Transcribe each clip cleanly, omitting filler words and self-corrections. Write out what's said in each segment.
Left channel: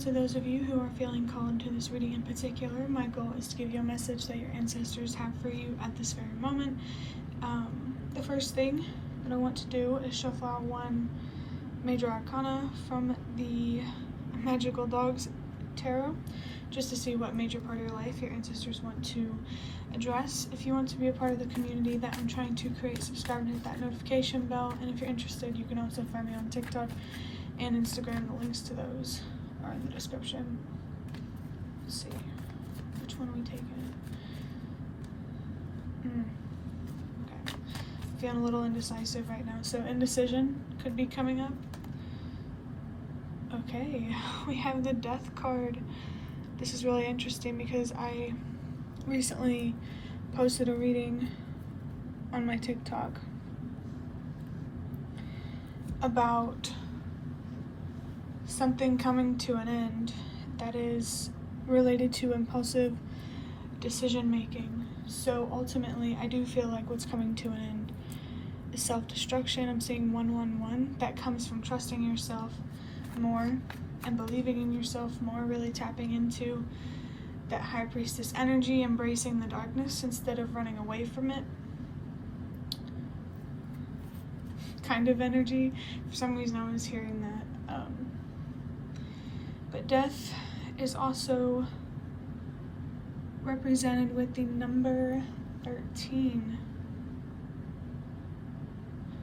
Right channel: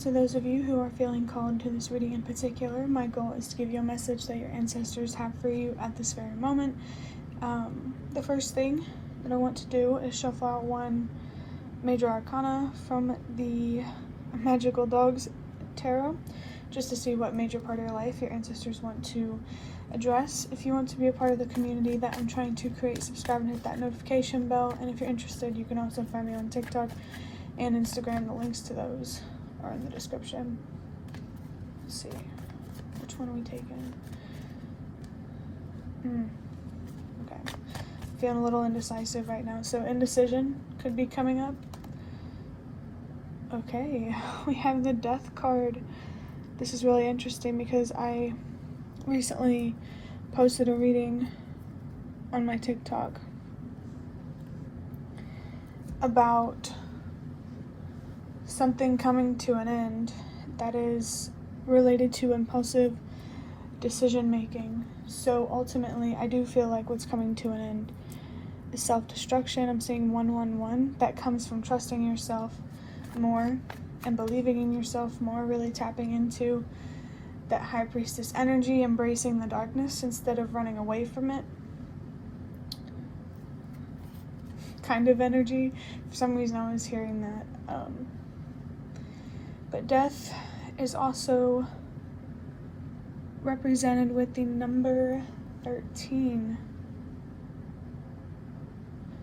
to those of you who are feeling called to this reading in particular. My goal is to give you a message that your ancestors have for you at this very moment. The first thing that I want to do is shuffle out one major arcana from the Magical Dogs Tarot, just to see what major part of your life your ancestors want to address. If you want to be a part of the community that I'm trying to create, subscribe and hit that notification bell. And if you're interested, you can also find me on TikTok and Instagram. The links to those are in the description. Let's see, which one are we taking? Okay, feeling a little indecisive right now, so indecision could be coming up. Okay, we have the Death card. This is really interesting because I recently posted a reading on my TikTok about something coming to an end that is related to impulsive decision making. So ultimately, I do feel like what's coming to an end is self-destruction. I'm seeing 111. That comes from trusting yourself more and believing in yourself more, really tapping into that High Priestess energy, embracing the darkness instead of running away from it kind of energy. For some reason I was hearing that. But death is also represented with the number 13.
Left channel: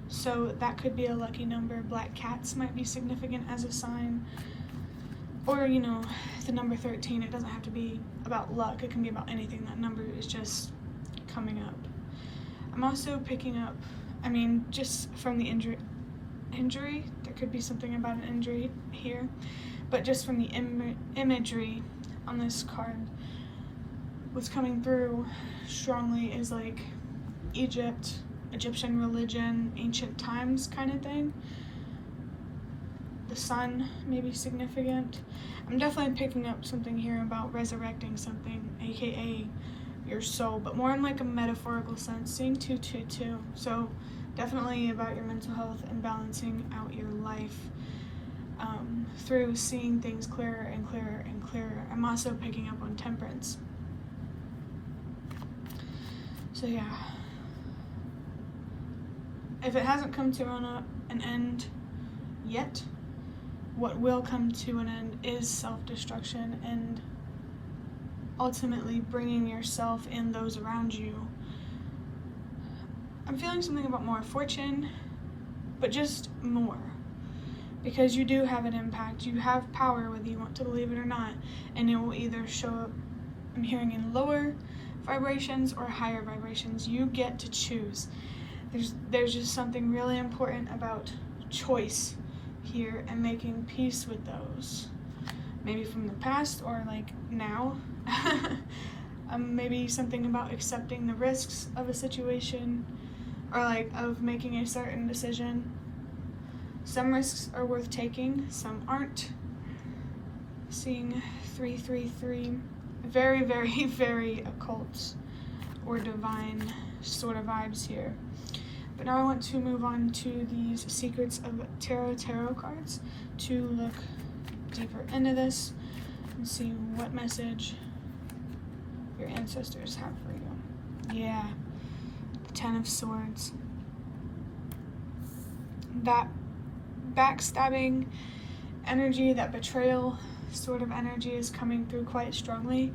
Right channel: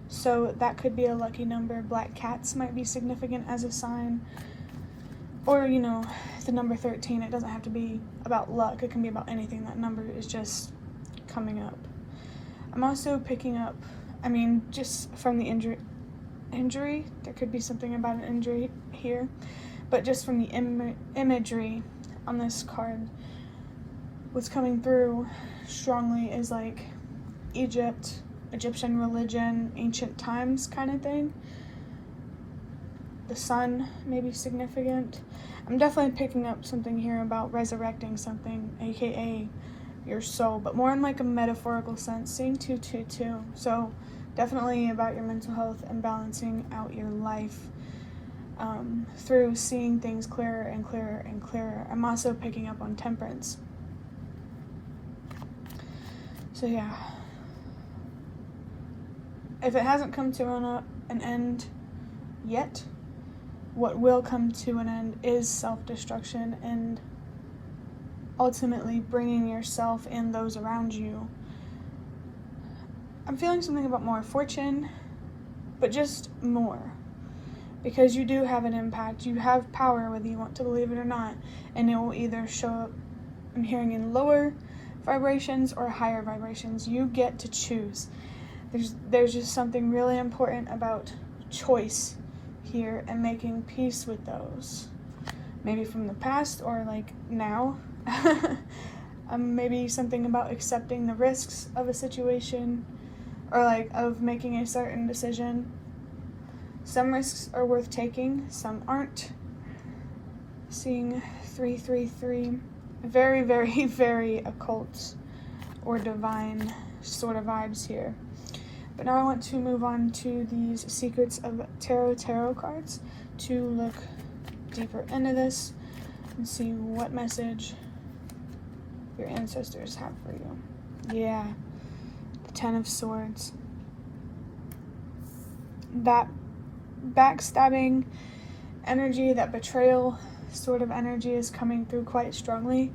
So that could be a lucky number. Black cats might be significant as a sign. Or, you know, the number 13, it doesn't have to be about luck. It can be about anything. That number is just coming up. I'm also picking up, just from the injury, there could be something about an injury here. But just from the imagery on this card, what's coming through strongly is like Egyptian religion, ancient times kind of thing. The sun may be significant. I'm definitely picking up something here about resurrecting something, aka your soul, but more in like a metaphorical sense, seeing 222. So definitely about your mental health and balancing out your life through seeing things clearer and clearer and clearer. I'm also picking up on temperance. So yeah, if it hasn't come to an end yet, what will come to an end is self-destruction and ultimately bringing yourself and those around you. I'm feeling something about more fortune, but just more. Because you do have an impact. You have power, whether you want to believe it or not. And it will either show up, I'm hearing, in lower vibrations or higher vibrations. You get to choose. There's just something really important about choice here and making peace with those. Maybe from the past or like now. Maybe something about accepting the risks of a situation or like of making a certain decision. Some risks are worth taking, some aren't. Seeing 333, very, very, very occult or divine sort of vibes here. But now I want to move on to these Secrets of Tarot cards to look deeper into this and see what message your ancestors have for you. Yeah, the Ten of Swords. That backstabbing energy, that betrayal sort of energy is coming through quite strongly.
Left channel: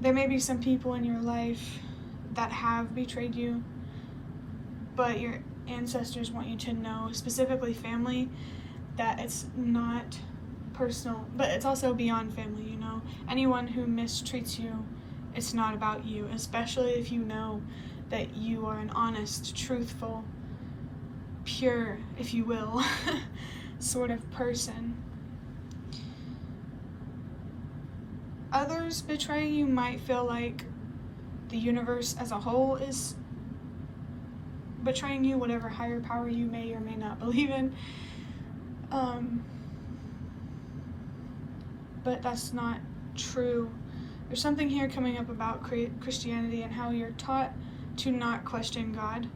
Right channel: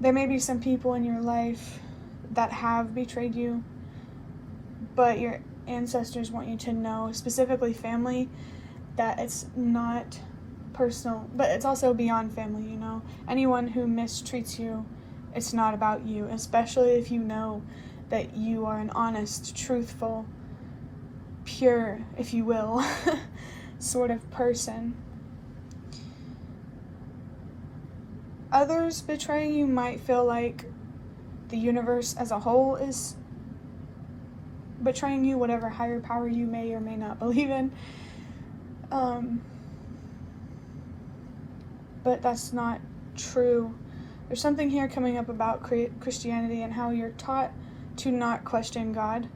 There may be some people in your life that have betrayed you, but your ancestors want you to know, specifically family, that it's not personal, but it's also beyond family, you know. Anyone who mistreats you, it's not about you, especially if you know that you are an honest, truthful, pure, if you will, sort of person. Others betraying you might feel like the universe as a whole is betraying you, whatever higher power you may or may not believe in. But that's not true. There's something here coming up about Christianity and how you're taught to not question God.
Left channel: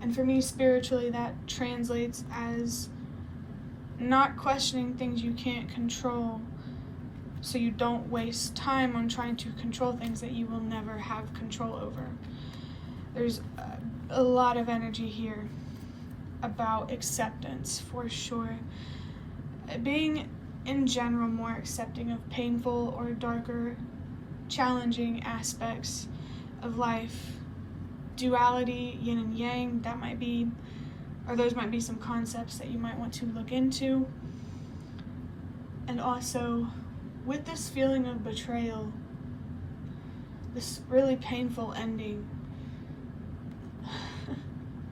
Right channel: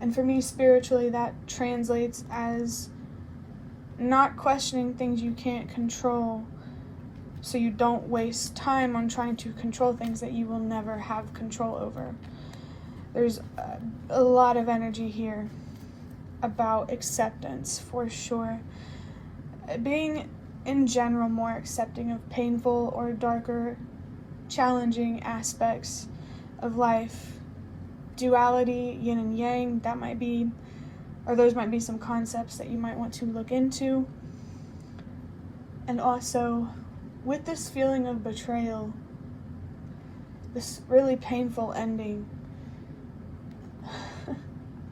And for me, spiritually, that translates as not questioning things you can't control, so you don't waste time on trying to control things that you will never have control over. There's a lot of energy here about acceptance, for sure. Being, in general, more accepting of painful or darker, challenging aspects of life. Duality, yin and yang, those might be some concepts that you might want to look into. And also, with this feeling of betrayal, this really painful ending,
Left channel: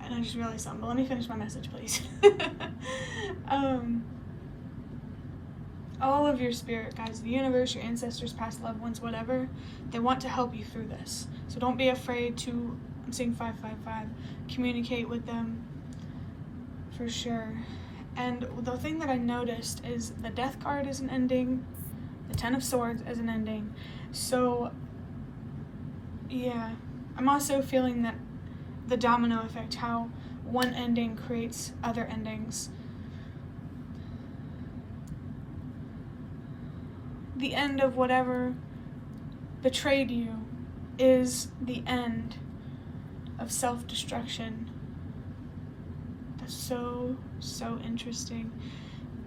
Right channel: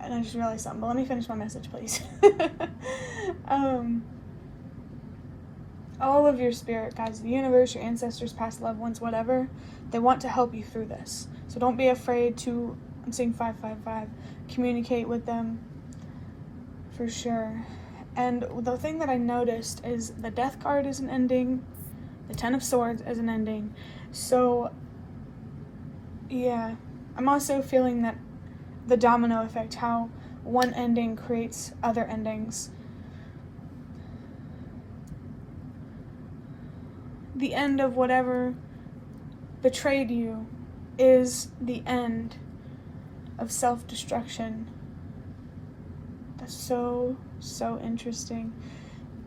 and I just realized something, but let me finish my message, please. All of your spirit guides, the universe, your ancestors, past loved ones, whatever, they want to help you through this. So don't be afraid to, I'm seeing 555, communicate with them, for sure. And the thing that I noticed is the Death card is an ending, the Ten of Swords is an ending. So, yeah, I'm also feeling that the domino effect, how one ending creates other endings. The end of whatever betrayed you is the end of self-destruction. That's so interesting.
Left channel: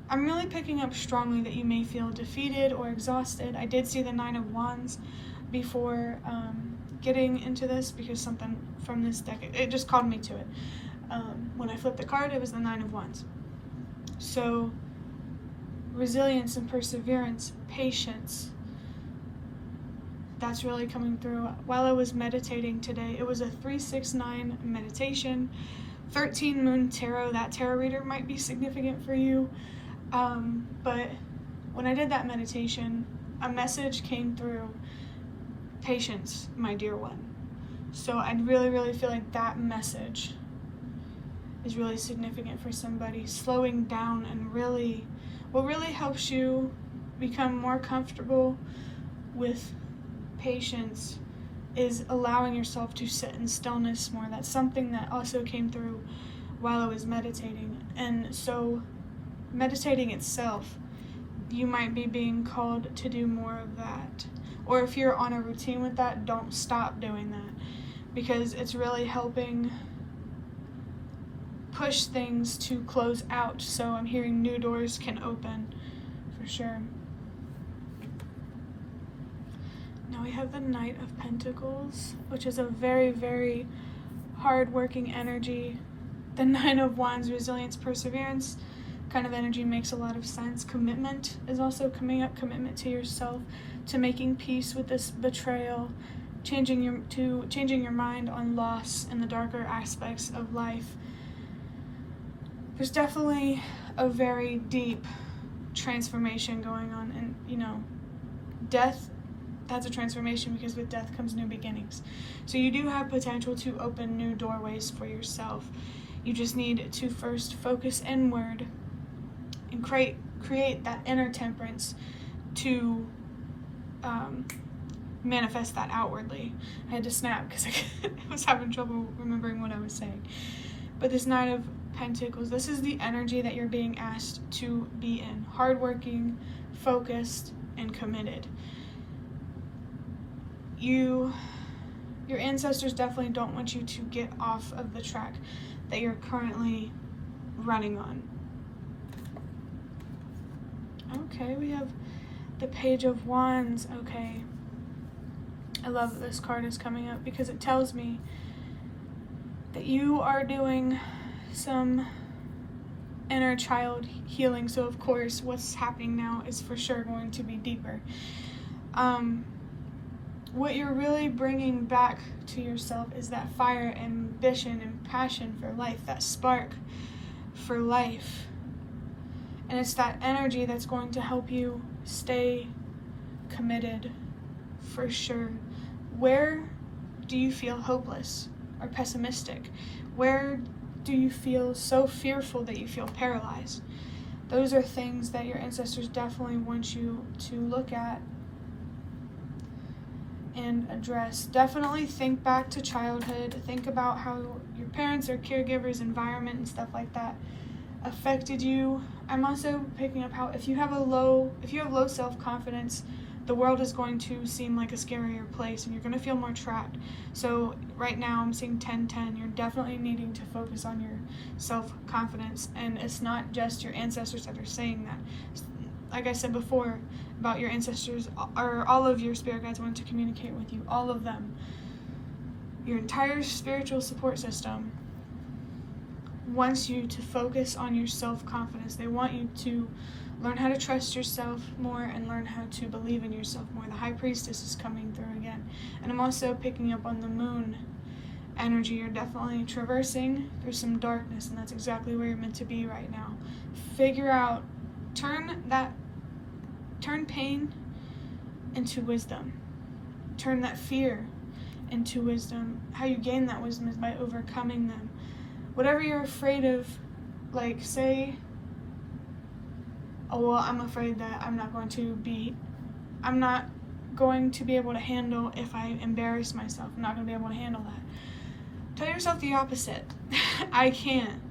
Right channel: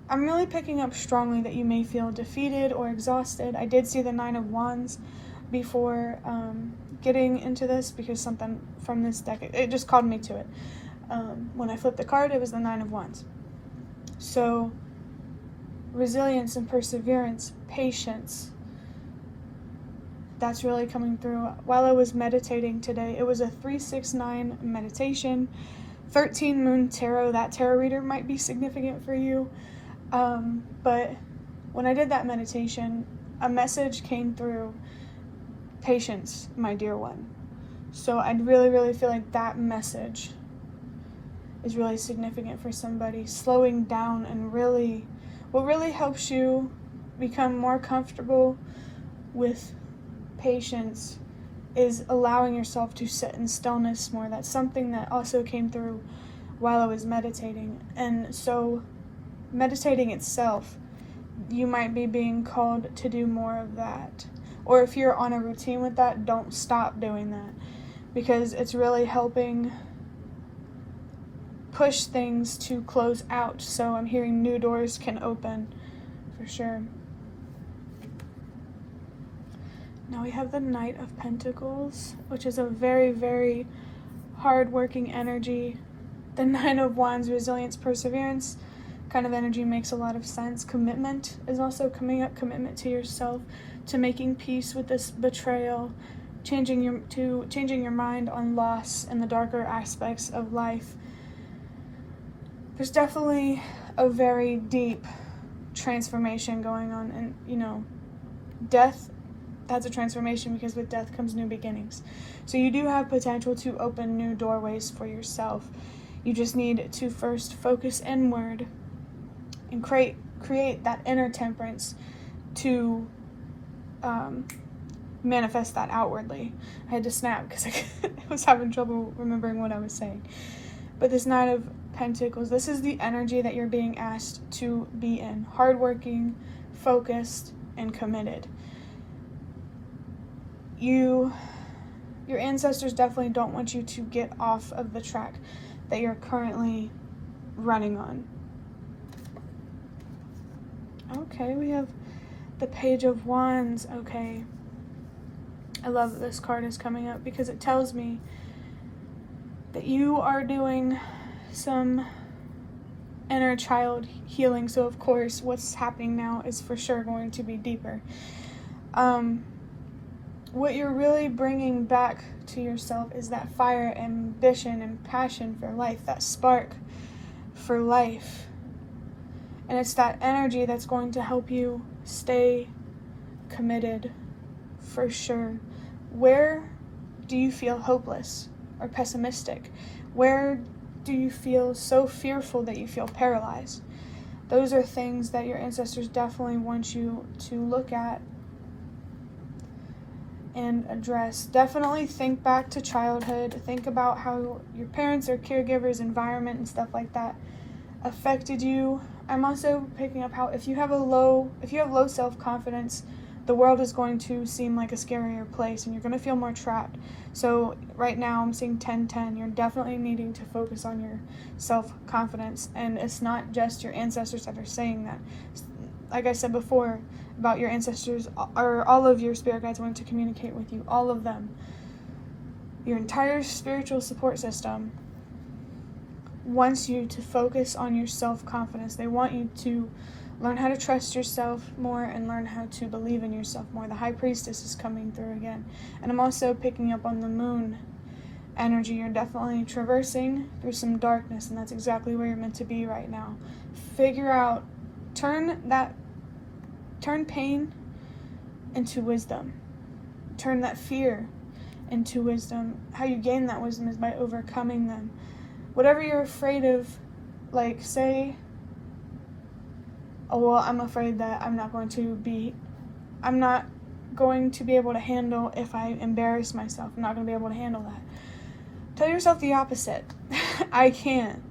I'm really picking up strongly that you may feel defeated or exhausted. I did see the Nine of Wands before getting into this, because something from this deck, it just called me to it. When I flipped the card, it was the Nine of Wands. So, resilience and perseverance, patience, that's really coming through. While I was meditating today, it was a 369 meditation, 13 moon tarot. That tarot reader might be significant for you. But when I did that meditation, a message came through: patience, my dear one. So I really feel like that message is really significant for somebody. Slowing down and what really helps you become more comfortable with patience is allowing yourself to sit in stillness more. That's something that also came through while I was meditating. And so meditating itself, you might be being called to do more of that. Or if you're on a routine with that, don't stop doing that, because it's really helping push things to close out. So I'm hearing new doors can open, for sure. Now we have the Knight of Pentacles, which is a very hard-working energy. The Nine of Wands, resilience, perseverance kind of energy makes a lot of sense. Commitment is also coming up, commitment to yourself, to making peace with this betrayal, changing your mind on loss and the darker aspects of life. There's definitely a very deep transformation going on, and death, that's a transformation, because with death comes new beginnings. So you do have potential to open new doorways for yourself. You just need to first focus inward and create that inner temperance to manifest that outwardly. I had to snap because I was having trouble remembering what I was saying. But this Nine of Pentacles, this is the energy that you're being asked to be in. Hardworking, focused, and committed. Your ancestors definitely don't want you to get off of the track that you're currently running on. Okay, we have the Page of Wands. Okay, I love that this card is coming up, because it tells me that you are doing some inner child healing. So of course what's happening now is for sure going to be deeper. What you're really bringing back to yourself is that fire, ambition, and passion for life, that spark for life. And it's that energy that's going to help you stay committed, for sure. Where do you feel hopeless or pessimistic? Where do you feel so fearful that you feel paralyzed? Those are things that your ancestors definitely want you to look at and address. Definitely think back to childhood. Think about how your parents or caregivers, environment, and stuff like that affected you. I'm also picking up how if you have low self-confidence, the world is going to seem like a scarier place and you're going to feel more trapped. So right now I'm seeing 10-10. You're definitely needing to focus on your self-confidence, and it's not just your ancestors that are saying that. Like I said before about your ancestors, or all of your spirit guides want to communicate with you, all of them. Your entire spiritual support system wants you to focus on your self-confidence. They want you to learn how to trust yourself more and learn how to believe in yourself more. The High Priestess is coming through again. And I'm also picking up on the moon energy. You're definitely traversing through some darkness, and that's exactly where you're meant to be right now. Figure out, turn pain into wisdom. Turn that fear into wisdom. How you gain that wisdom is by overcoming them. Whatever you're afraid of, like say, oh well, I'm afraid that I'm not going to be able to handle if I embarrass myself. I'm not going to be able to handle that. Tell yourself the opposite. I can.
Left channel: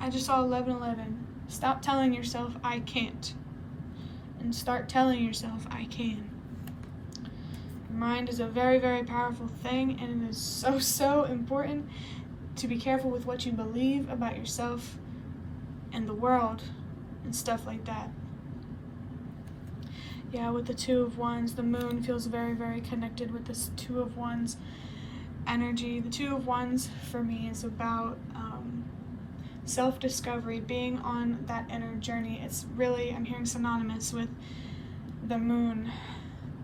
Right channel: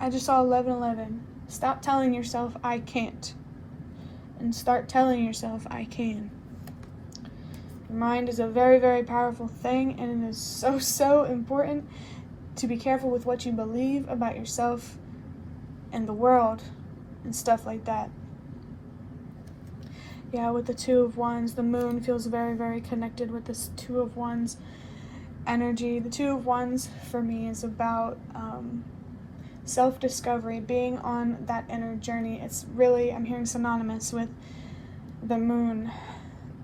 I just saw 11:11. Stop telling yourself I can't, and start telling yourself I can. Your mind is a very, very powerful thing, and it is so, so important to be careful with what you believe about yourself and the world and stuff like that. Yeah, with the Two of Wands, the moon feels very, very connected with this Two of Wands energy. The Two of Wands for me is about self-discovery, being on that inner journey. It's really, I'm hearing synonymous with the moon.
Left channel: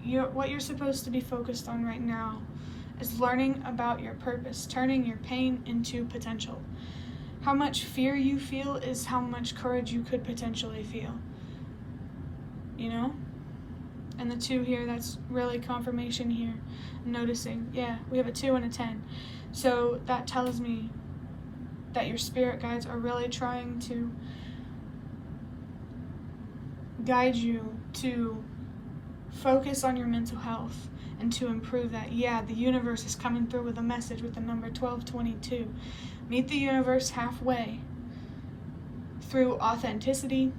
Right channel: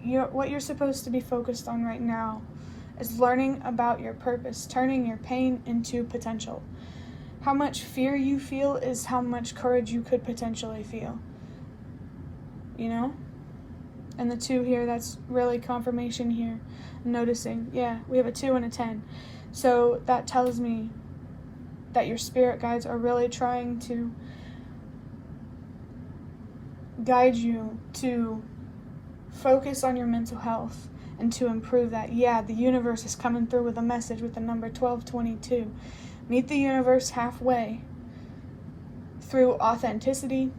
What you're supposed to be focused on right now is learning about your purpose, turning your pain into potential. How much fear you feel is how much courage you could potentially feel. You know? And the 2 here, that's really confirmation here. I'm noticing, yeah, we have a 2 and a 10. So that tells me that your spirit guides are really trying to guide you to focus on your mental health and to improve that. Yeah, the universe is coming through with a message with the number 1222. Meet the universe halfway through authenticity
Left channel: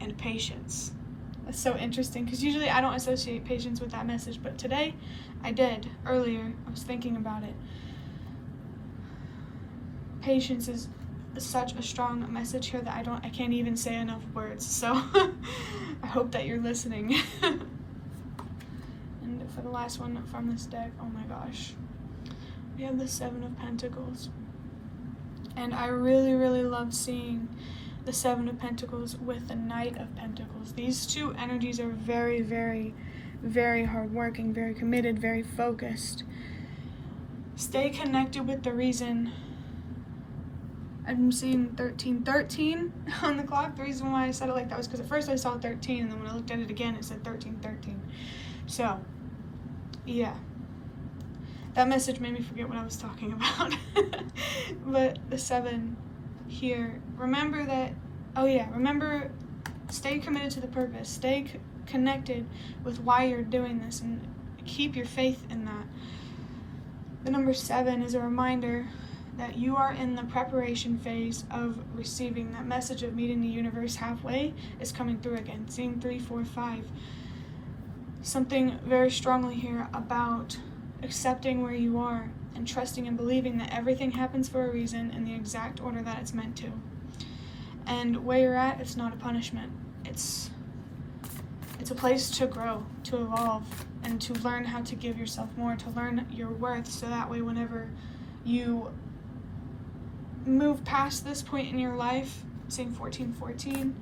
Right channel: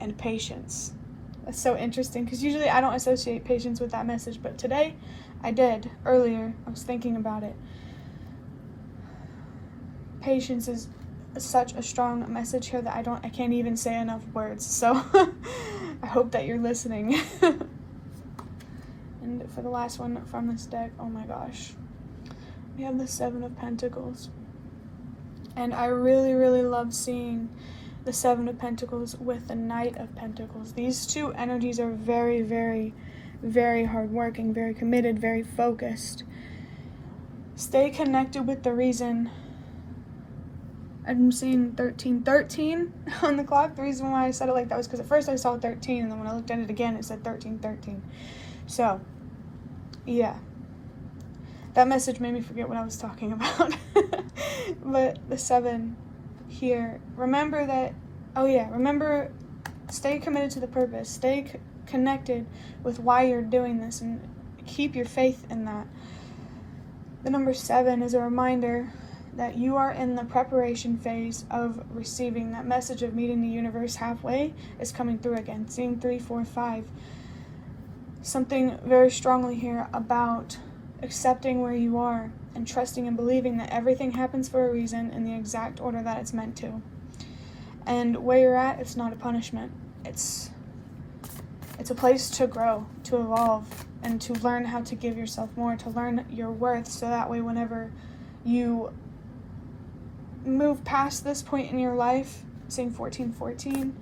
and patience. That's so interesting because usually I don't associate patience with that message, but today I did. Earlier, I was thinking about it. Patience is such a strong message here that I can't even say enough words. So I hope that you're listening. And for the last one from this deck, oh my gosh, we have the 7 of Pentacles. And I really, really love seeing the 7 of Pentacles with the Knight of Pentacles. These two energies are very, very, very hardworking, very committed, very focused. Stay connected with the reason. I'm seeing 1313 on the clock. The reason why I said it like that was because at first I saw 13, and then when I looked at it again, it said 1313. So, yeah. That message made me forget what I was talking about. But the 7 here, remember that, remember, stay committed to the purpose. Stay connected with why you're doing this and keep your faith in that. The number 7 is a reminder that you are in the preparation phase of receiving that message of meeting the universe halfway is coming through again. Seeing 3, 4, 5. Something very strongly here about accepting where you are and trusting and believing that everything happens for a reason in the exact order that it's meant to. And where you're at, it's not a punishment. It's a place to grow, to evolve, and to learn how to give yourself more, to learn your worth, so that way whenever you move past this point in your life, seeing 1414,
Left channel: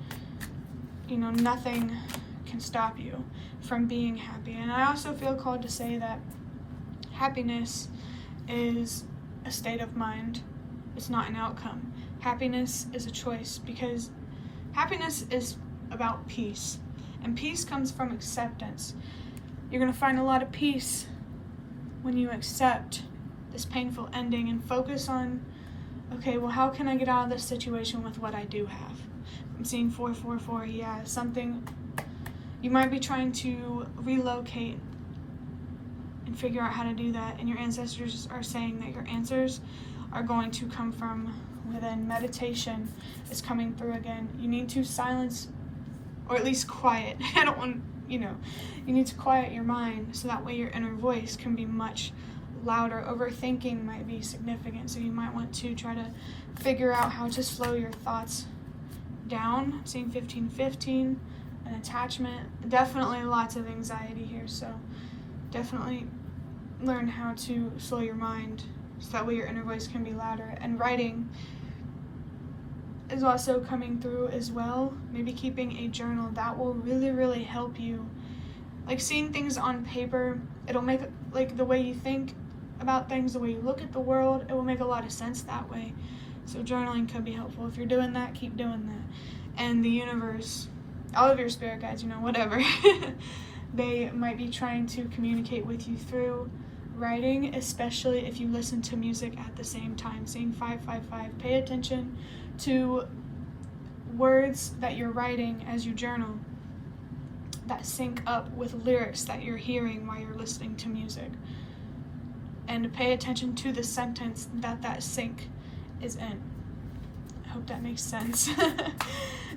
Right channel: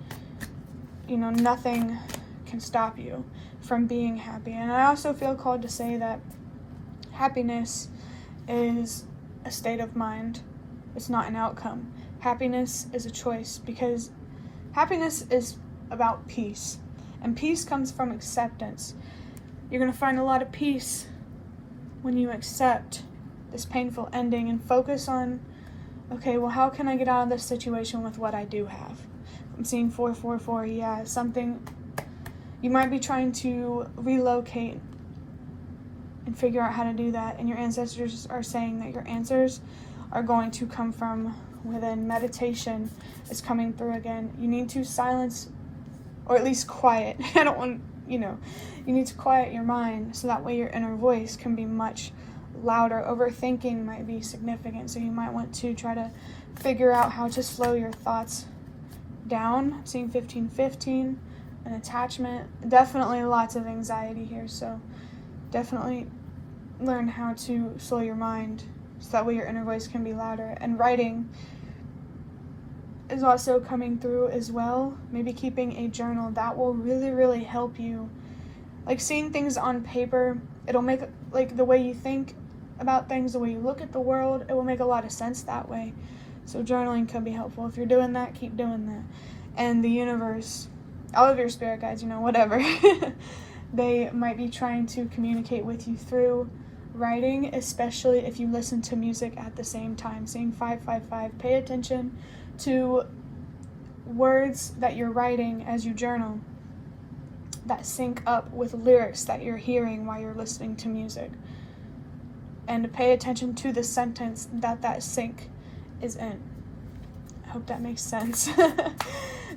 nothing can stop you from being happy. And I also feel called to say that happiness is a state of mind. It's not an outcome. Happiness is a choice, because happiness is about peace. And peace comes from acceptance. You're going to find a lot of peace when you accept this painful ending and focus on, okay, well, how can I get out of this situation with what I do have? I'm seeing 444, yeah, something, you might be trying to relocate and figure out how to do that, and your ancestors are saying that your answers are going to come from within. Meditation is coming through again. You need to silence, or at least quiet. I don't want, you need to quiet your mind so that way your inner voice can be much louder. Overthinking might be significant, so you might want to try to figure out how to slow your thoughts down. Seeing 1515, an attachment, definitely lots of anxiety here, so definitely learn how to slow your mind so that way your inner voice can be louder. And writing is also coming through as well. Maybe keeping a journal, that will really, really help you. Like seeing things on paper, it'll make like the way you think about things, the way you look at the world, it will make a lot of sense that way. So journaling can be helpful. If you're doing that, keep doing that. And the universe, all of your spirit guides, whatever, they might be trying to communicate with you through writing, especially if you listen to music at the same time. Seeing 555, pay attention to words that you're writing as you journal that sync up with lyrics that you're hearing while you're listening to music. And pay attention to the sentence that sync is in. I hope that makes sense.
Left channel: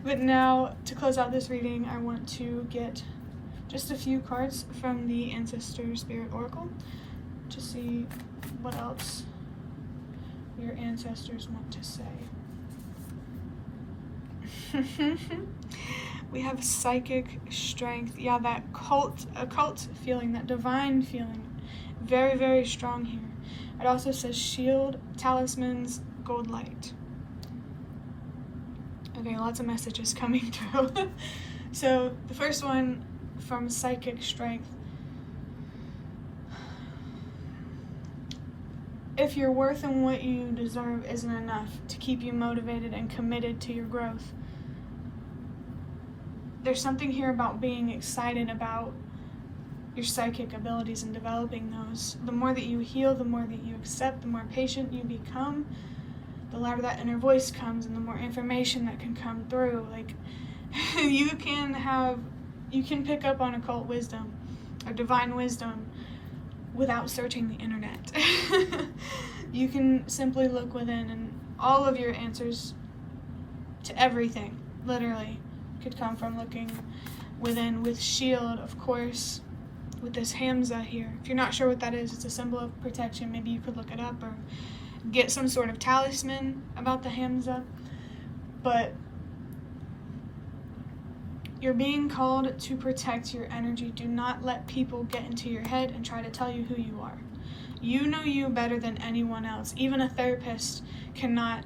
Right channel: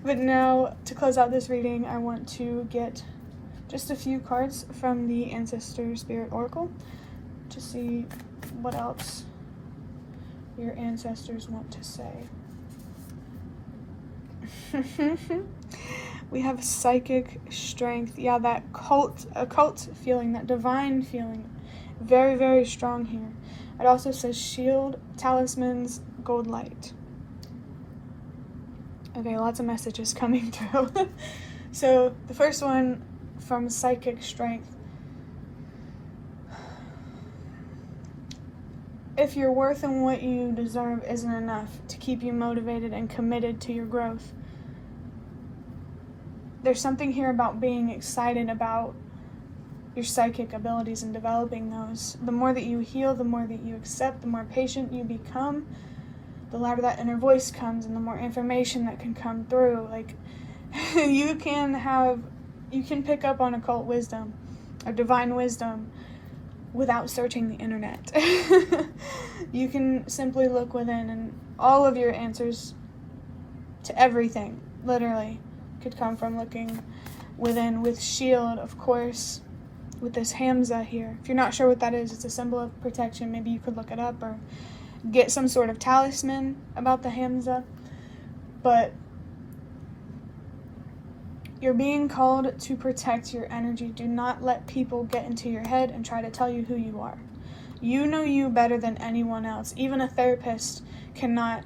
But now, to close out this reading, I want to get just a few cards from the Ancestor Spirit Oracle to see what else your ancestors want to say. We have psychic strength. Yeah, that occult feeling, that divine feeling. Very, very strong here. It also says shield, talismans, gold light. Okay, lots of messages coming through. So the first one from psychic strength. If your worth and what you deserve isn't enough to keep you motivated and committed to your growth, there's something here about being excited about your psychic abilities and developing those. The more that you heal, the more that you accept, the more patient you become, the louder that inner voice comes and the more information that can come through. Like, you can pick up on occult wisdom or divine wisdom without searching the internet. You can simply look within, and all of your answers to everything, literally, could come from looking within. With shield, of course, with this Hamza here. If you're not sure what that is, it's a symbol of protection. Maybe you could look it up or get some sort of talisman about the Hamza. But you're being called to protect your energy. Do not let people get into your head and try to tell you who you are. You know you better than anyone else. Even a therapist cannot,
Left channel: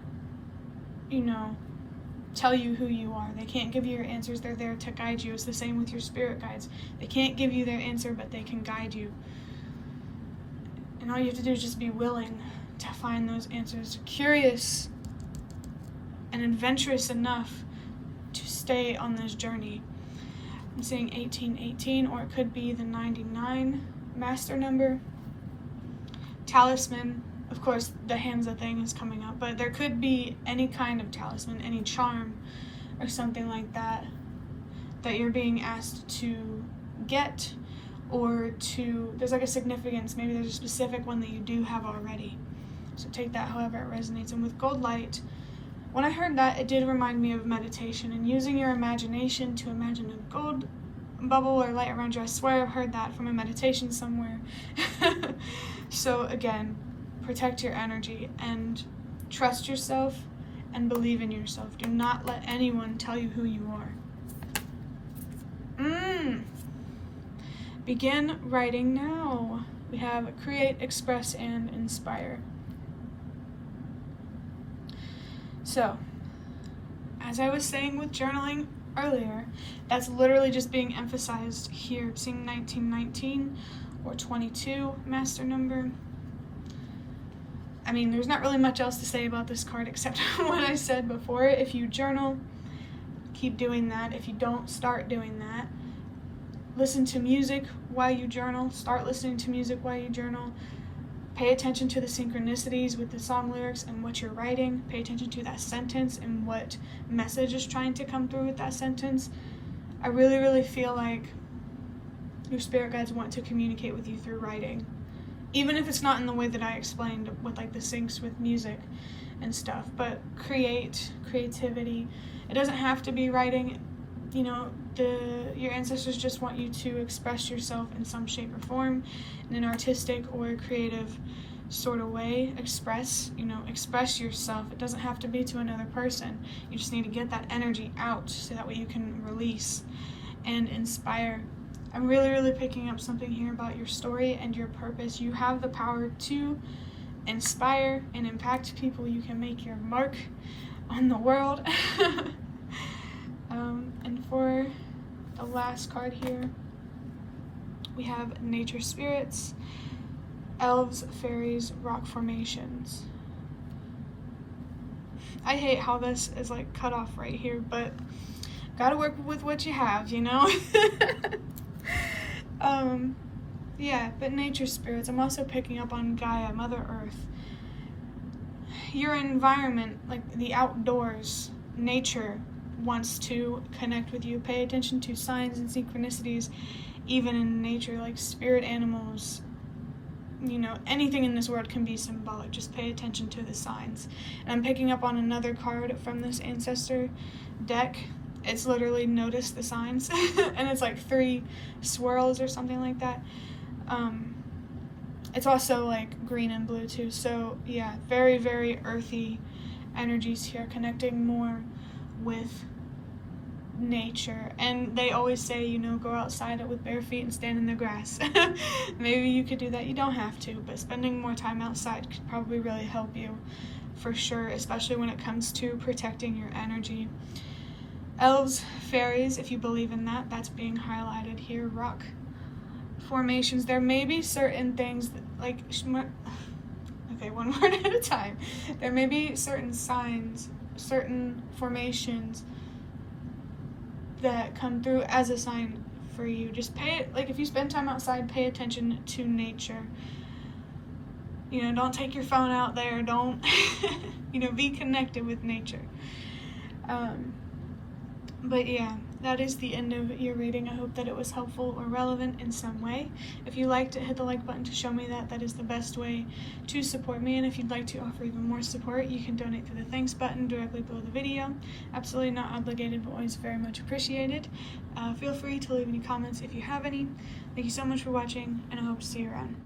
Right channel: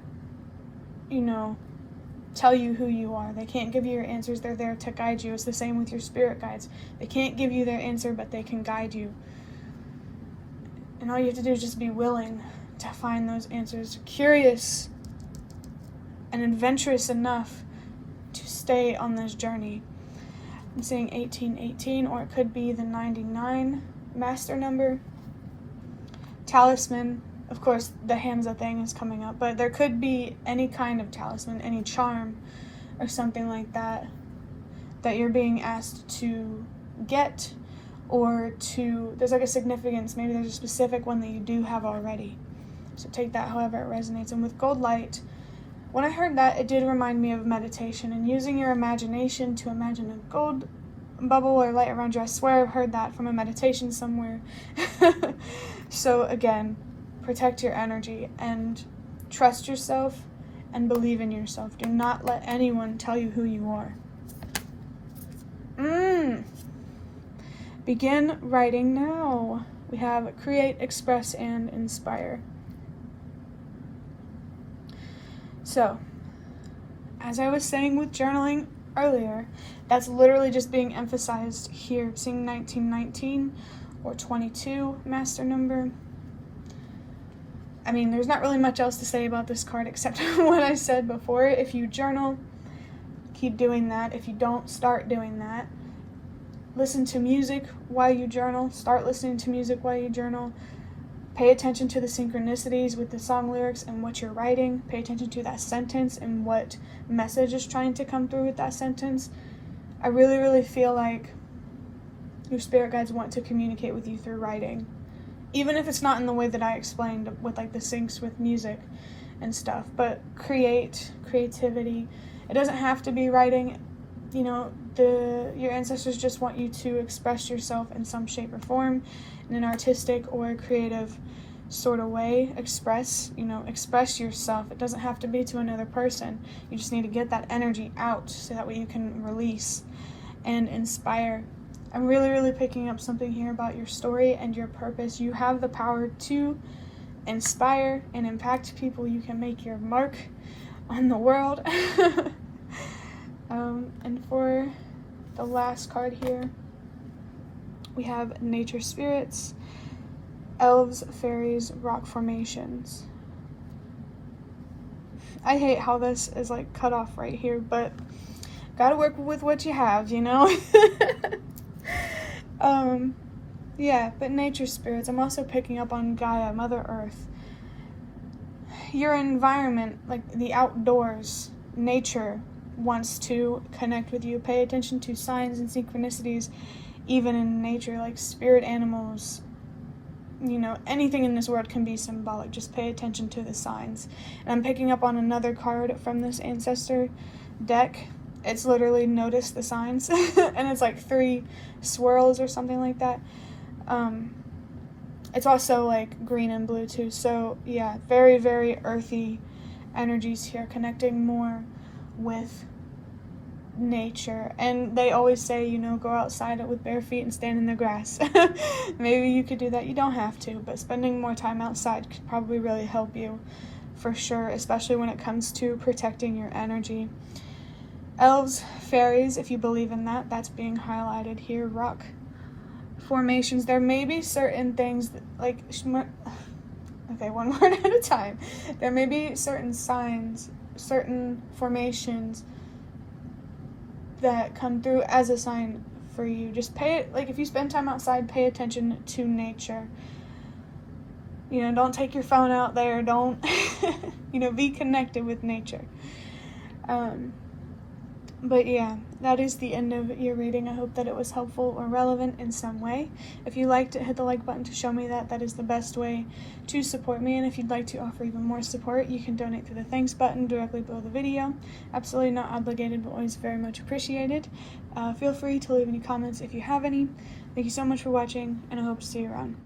tell you who you are. They can't give you your answers. They're there to guide you. It's the same with your spirit guides. They can't give you their answer, but they can guide you. And all you have to do is just be willing to find those answers. Curious and adventurous enough to stay on this journey. I'm saying 1818, or it could be the 99 master number. Talisman, of course, the Hamza thing is coming up, but there could be any kind of talisman, any charm or something like that you're being asked to get, or there's like a significance. Maybe there's a specific one that you do have already. So take that however it resonates. And with gold light, when I heard that, it did remind me of meditation and using your imagination to imagine a gold bubble or light around you. I swear I've heard that from a meditation somewhere. So again, protect your energy and trust yourself and believe in yourself. Do not let anyone tell you who you are. Begin writing now. We have create, express, and inspire. So, as I was saying with journaling earlier, that's literally just being emphasized here. Seeing 1919 or 22 master number. I mean, there's not really much else to say about this card except what I said before. If you journal, keep doing that. If you don't, start doing that. Listen to music while you journal. Start listening to music while you journal. Pay attention to the synchronicities with the song lyrics and what you're writing. Pay attention to that sentence and what message is trying to come through with that sentence. I really, really feel like your spirit guides want to communicate with you through writing. Even if it's not in the way that I explained with like the syncs with music. and stuff. But creativity. It doesn't have to be writing. You know, your ancestors just want you to express yourself in some shape or form, in an artistic or creative sort of way. Express yourself. It doesn't have to be to another person. You just need to get that energy out so that way you can release and inspire. I'm really picking up something here about your story and your purpose. You have the power to inspire and impact people. You can make your mark on the world. And for the last card here, we have nature spirits, elves, fairies, rock formations. I hate how this is like cut off right here, but gotta work with what you have, you know? Yeah, but nature spirits. I'm also picking up on Gaia, Mother Earth. Your environment, like the outdoors, nature wants to connect with you. Pay attention to signs and synchronicities, even in nature, like spirit animals. You know, anything in this world can be symbolic. Just pay attention to the signs. And I'm picking up on another card from this ancestor deck. It's literally notice the signs. And it's like 3 swirls or something like that. It's also like green and blue too. So yeah, very earthy energies here, connecting more with nature. And they always say, you know, go outside with bare feet and stand in the grass. Maybe you could do that. You don't have to, but spending more time outside could probably really help you for sure, especially when it comes to protecting your energy. Elves, fairies, if you believe in that, that's being highlighted here. Rock formations. There may be certain things that, like, okay, one word at a time. There may be certain signs, certain formations that come through as a sign for you. Just if you spend time outside, pay attention to nature. You know, don't take your phone out there. Don't, you know, be connected with nature. But yeah, that is the end of your reading. I hope that it was helpful or relevant in some way. If you liked it, hit the like button to show me that. That is the best way to support me. And if you'd like to offer even more support, you can donate through the thanks button directly below the video. Absolutely not obligated, but always very much appreciated. Feel free to leave any comments if you have any. Thank you so much for watching, and I hope to see you around.